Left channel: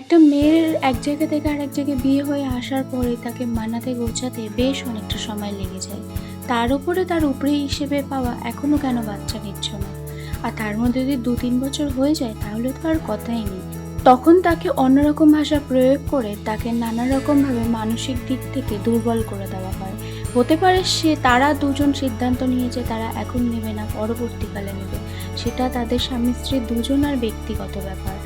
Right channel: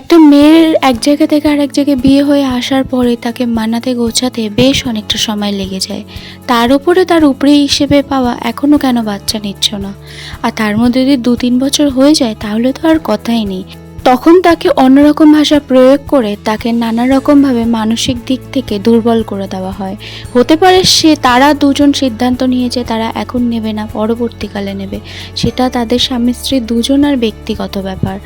একটা মেয়ের এক জায়গা থেকে আরেক জায়গায় বিয়ে হয়ে আসার পরে তাকে মানাতে গোছাতে বেশ অনেকটা সময় লেগে যায়। তার উপরে তার উপরে হিসেবে পাওয়া এখনও কেন বাচ্চা নিচ্ছ না? আর তার মধ্যে যদি 2-3 বছর হয়ে যায় তাহলে তো আর কথাই নেই। তখন তাকে অন্যরকম ভাষা প্রয়োগ করে তাকে নানা রকমভাবে মানসিক দিক থেকে দুর্বল করে দেওয়া হয়। হতে পারে তারা দুজন সিদ্ধান্ত নিয়েছে তারা এখন নেবে না, পরবর্তীকালে নেবে। সেটা তাদের স্বামী স্ত্রী দুজনার ব্যক্তিগত ব্যাপার।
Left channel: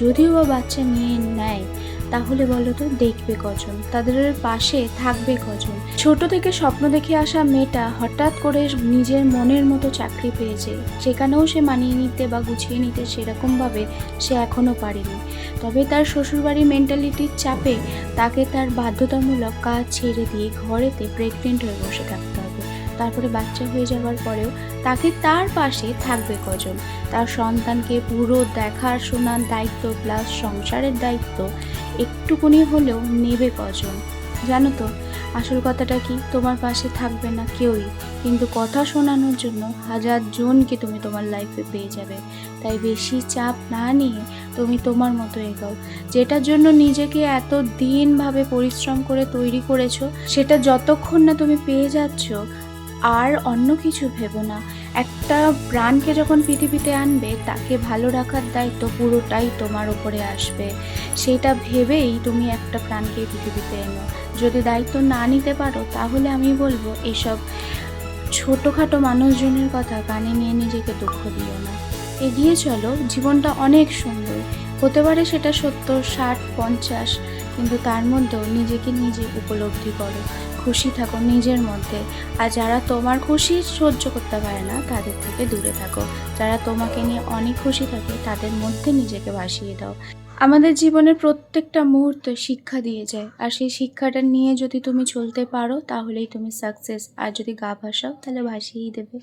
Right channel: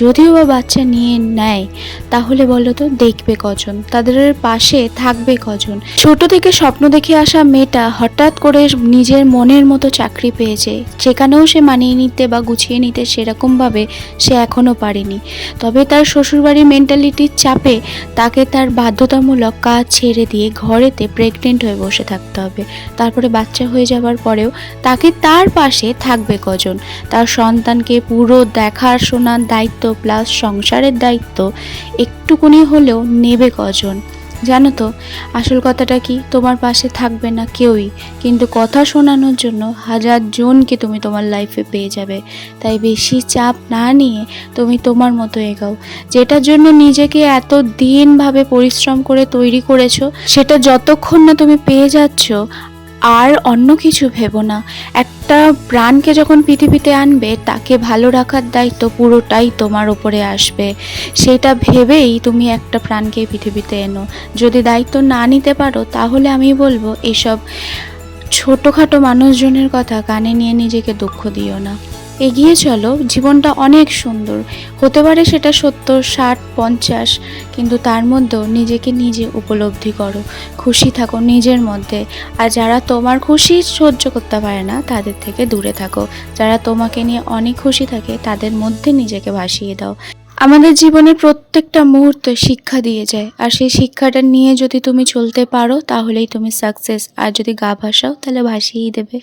যদিও বা বাচ্চা নিয়ে নেয়, তাহলে বলো তো দেখবে কজন, তাদের পাশে থাকবে কজন? ছোট থেকে স্বপ্ন দেখে আসা মেয়েটা হঠাৎ করে নিজের মনের মতো চাকরি পেয়েছে, সেখানেও সে মানিয়ে নিতে বা গুছিয়ে নিতে সেরকমভাবে সে এখনও পারেনি। তবে তার শ্বশুরবাড়ির মেন্টালিটির চাপে তাকে তার বাধ্যতামূলক কাজ ছেড়ে দিয়ে ঘরেতে প্রেগনেন্ট হয়ে বসে থাকতে হবে। তারপরে বাচ্চা হয়ে যাওয়ার পরেও তাকে তার পাশে থাকবে কজন? তার সন্তানকে পুরো দেখাশোনার দায়িত্ব প্লাস সংসারের দায়িত্ব একটুকুনি হলেও নেবে কজন? জানো তো আসল কথাটা কি? তোমার পাশে থাকবে না কেউই, কিন্তু কথা শোনানোর জন্য 1000 জনকে তুমি তোমার লাইফে পেয়ে যাবে। তাই বেশি চাপ না নিয়ে তুমি তোমার মতো এগোও। যেটার জন্য নিজেকে এত দিনভাবে পরিশ্রম করে তৈরি করেছো, সেটা যতক্ষণ না তুমি পেয়ে যাচ্ছ আর অন্য কিছু ভেবো না। একটা প্রাণকে যখন পৃথিবীতে আনবে তাকে ভালো রাখার দায়িত্ব পুরোটাই তোমার উপরে আসবে। সেটা ভেবেই তুমি একটা প্রাণকে পৃথিবীতে এনো। যদি দায়িত্ব না নিতে পারো তাহলে আমি বলবো এসব ছোটোখাটো মানুষজনের কথা কানে নিয়ে নিজেকে দুঃখ দিও না। এগিয়ে চলো, জীবনটা অনেক সুন্দর। হতে পারে সেটা 70, 60, 50, কিন্তু তার মধ্যেও নিজেকে নিজে উপলব্ধি করো, খুশি থাকো নিজের মধ্যে। আর যারা তোমার খুশি সহ্য করতে পারে না তাদের থেকে দূরে থাকো। যারা তোমাকে নিয়ে অনেক খুশি থাকে তাদের মধ্যে নিজেকে ভাসিয়ে দাও। আমাদের জীবনের প্রত্যেকটা মুহূর্তে শিক্ষা দিয়ে যায়, আর সেই শিক্ষাটা নিয়ে যদি তুমি চলতে পারো তাহলেই তুমি সাকসেস। আর যদি গা ভাসাও তাহলে ভাসিয়েই দেবে।